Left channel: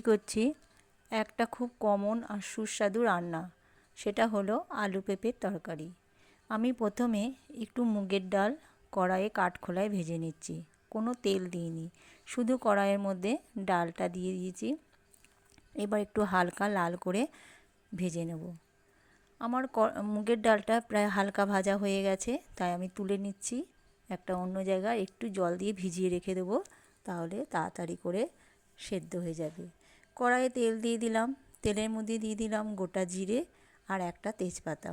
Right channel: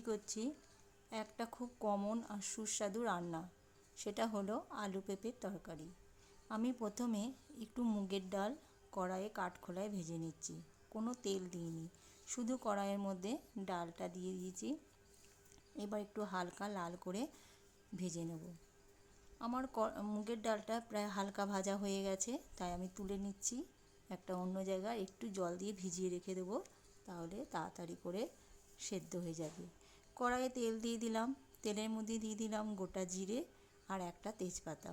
তৈরি করছি একটা খুব কমন আর সুস্বাদু রান্না, সেটা হলো আলু পেঁপের তরকারি। আমি প্রথমে একটু মুগের ডাল কড়াইয়ে কাঠখোলায় ভেজে নিচ্ছি, কোনো তেল দিইনি, শুধু কড়াইয়ের মধ্যে ডালটা দিয়ে দিয়েছি। এবার একটু হালকা লাল করে ভেজে নেব। আমার মুগের ডালটা প্রায় হালকা ভাজা হয়ে গেছে, তাই আমি তুলে নিচ্ছি একটা অন্য জায়গায়। একটু জল দিয়ে ভিজিয়ে রেখে দেবো, তাহলে তাড়াতাড়ি করে সেদ্ধ হয়ে যাবে। কড়াইয়ে তেল দিয়ে দিলাম, তেলের মধ্যে দিয়ে দিলাম গোটা জিরে আর একটা তেজপাতা।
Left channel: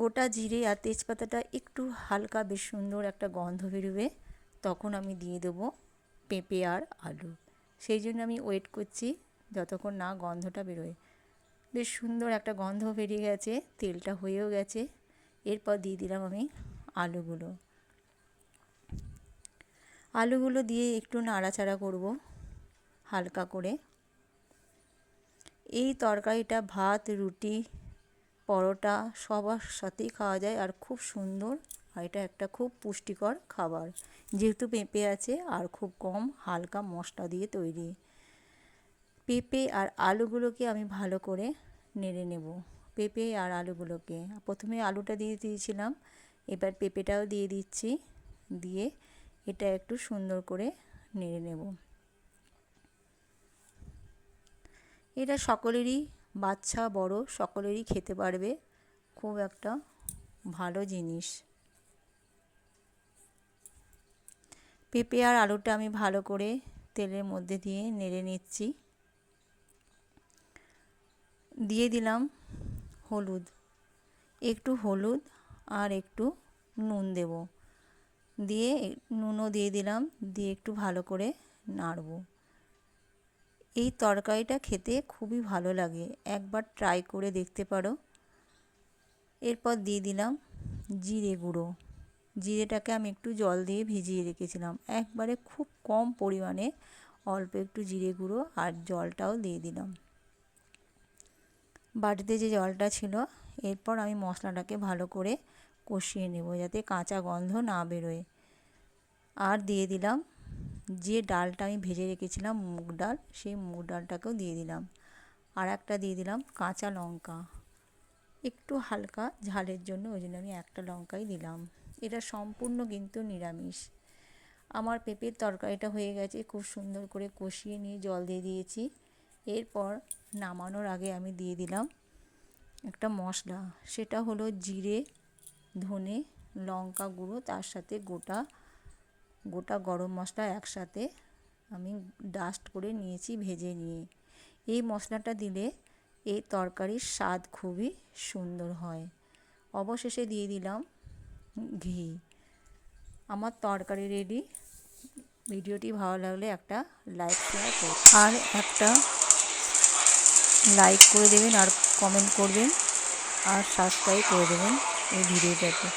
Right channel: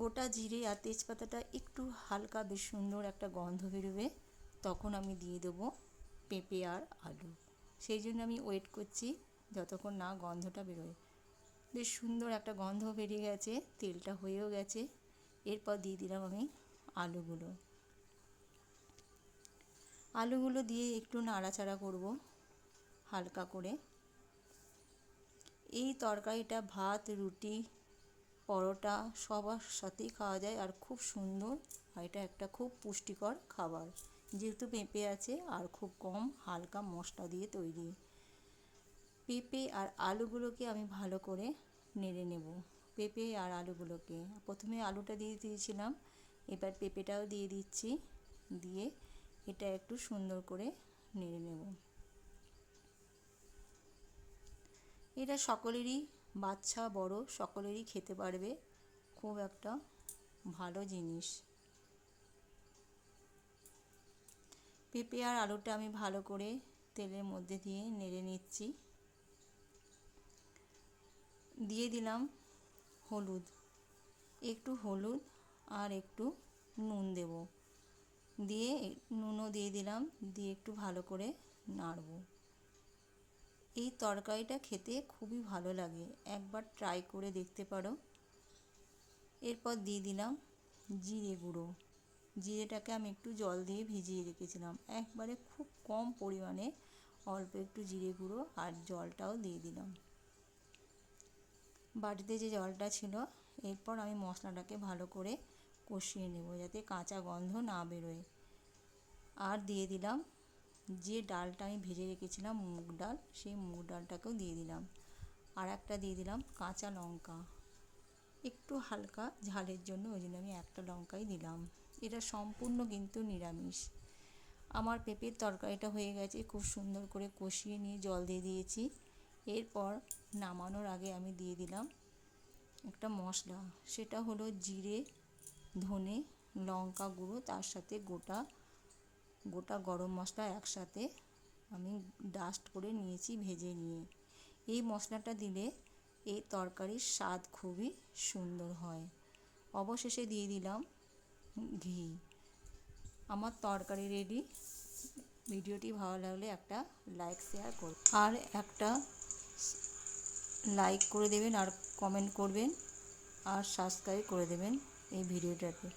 গোটা জিরে আর তেজপাতাটা একটু হালকা বেশ সুন্দর একটা গন্ধ বেরোবে, তখন আমি দিয়ে দেবো পেঁপে আর আলু। সেই জন্য আমি ওয়েট করছি যতক্ষণ না গন্ধটা বেরোয়। বেশ সুন্দর একটা গন্ধ বেরিয়ে গেছে, তেলটা হয়েও গেছে। এরপর দিয়ে দিলাম আমি আলুগুলো দিয়ে একটু নাড়াচাড়া করব হালকা করে। এই তরকারিটা ভাত, রুটি, পরোটা সবার সাথেই খাওয়া যায় আর খুব সুন্দর। আর এটা একটা খুব পুষ্টিকর খাবার, যেহেতু পেঁপে আছে আর খুব কম হালকা মশলা দিয়ে তৈরি। পেঁপে আর আলুগুলোকে আমি ভালো করে নেড়ে নেব। পেঁপে আর আলুগুলোকে প্রথমে আলুটা দিয়ে দিয়েছিলাম, এবার পেঁপেটাও দিয়ে দিচ্ছি, দিয়ে এটা একটু সুন্দর করে নেড়ে নেব। এটা সকলেরই, বাচ্চা বড় সকলেরই খেতে পারবে, খুব একটা ভালো জিনিস। পেঁপে আর আলুটা আমি ভালো করে তেলের মধ্যে দিয়ে নেড়ে নিচ্ছি। দিয়ে দিলাম হলুদ, একটু হলুদ আর একটু নুন দেব, দিয়ে নুনও দিয়ে দিলাম, দিয়ে একটু ভালো করে নাড়ব। এই তরকারিটা খেতে খুবই ভালো লাগে, একবার ট্রাই করে দেখতে পারো। এরপর দিয়ে দিলাম জিরে গুঁড়ো। জিরেটাকে আমি একটু জল দিয়ে ভিজিয়ে রেখেছিলাম, একবারে খুব কম পরিমাণে অল্প একটু জিরে গুঁড়ো আর জলটাও দিয়ে দিলাম, বাটিতে যে জলটা ছিল। এরপর আমি মশলাটাকে ভালো করে কষিয়ে নেব, যাতে কাঁচা গন্ধ না বেরোয়। আর দিয়ে দিলাম যে ডালটা আমি ভেজে রেখেছিলাম মুগ ডাল, সেই মুগ ডালটাকেও দিয়ে দিলাম। আর একটা দিয়ে দিলাম কাঁচা লঙ্কা, একটু হালকা ঝালের জন্য, ওই জন্য আমি একটা লঙ্কাই দিলাম। এটা সম্পূর্ণ কিন্তু নিরামিষ। আমার পেঁপের তরকারিটা হয়ে গেছে, খুব সুন্দর করে কষিয়ে নিয়ে জল দিয়ে দিয়েছি। এরপর নামানোর আগে আমি দিয়ে দিলাম একটা মশলা, সেটা হলো জিরে, ধনে, লঙ্কা গুঁড়ো, তার সাথে গোটা গরম মশলা একসাথে আমি ডাস্ট করে নিয়েছি ভেজে নিয়ে। এই মশলাটা দিলে এই তরকারির স্বাদ খুবই সুন্দর হয়। অবশেষে দিয়ে দিলাম ঘি। আমার তরকারি রেডি। ভিডিওটি ভালো লাগলে একটা লাইক শেয়ার করুন, আর একটা লাইক করে দেবেন, আর কমেন্ট করবেন, আর সাবস্ক্রাইব করে দেবেন এই ভিডিওটাতে।